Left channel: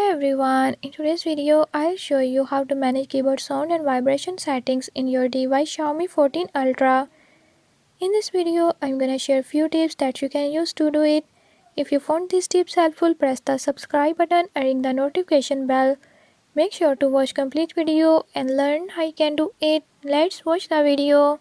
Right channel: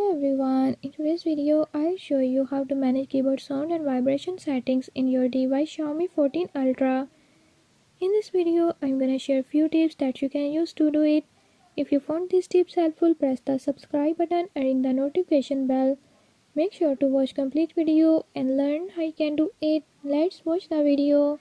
Hello everyone, in today's video I'll show you how to manage keyboard sound and vibration settings in your device Xiaomi 14 Ultra. In this video I'm gonna share few tips that you can use to do it. If you found these tips helpful, press the subscribe button and ring the notification bell. Make sure to watch complete video and learn how you can do it. Let's watch the video.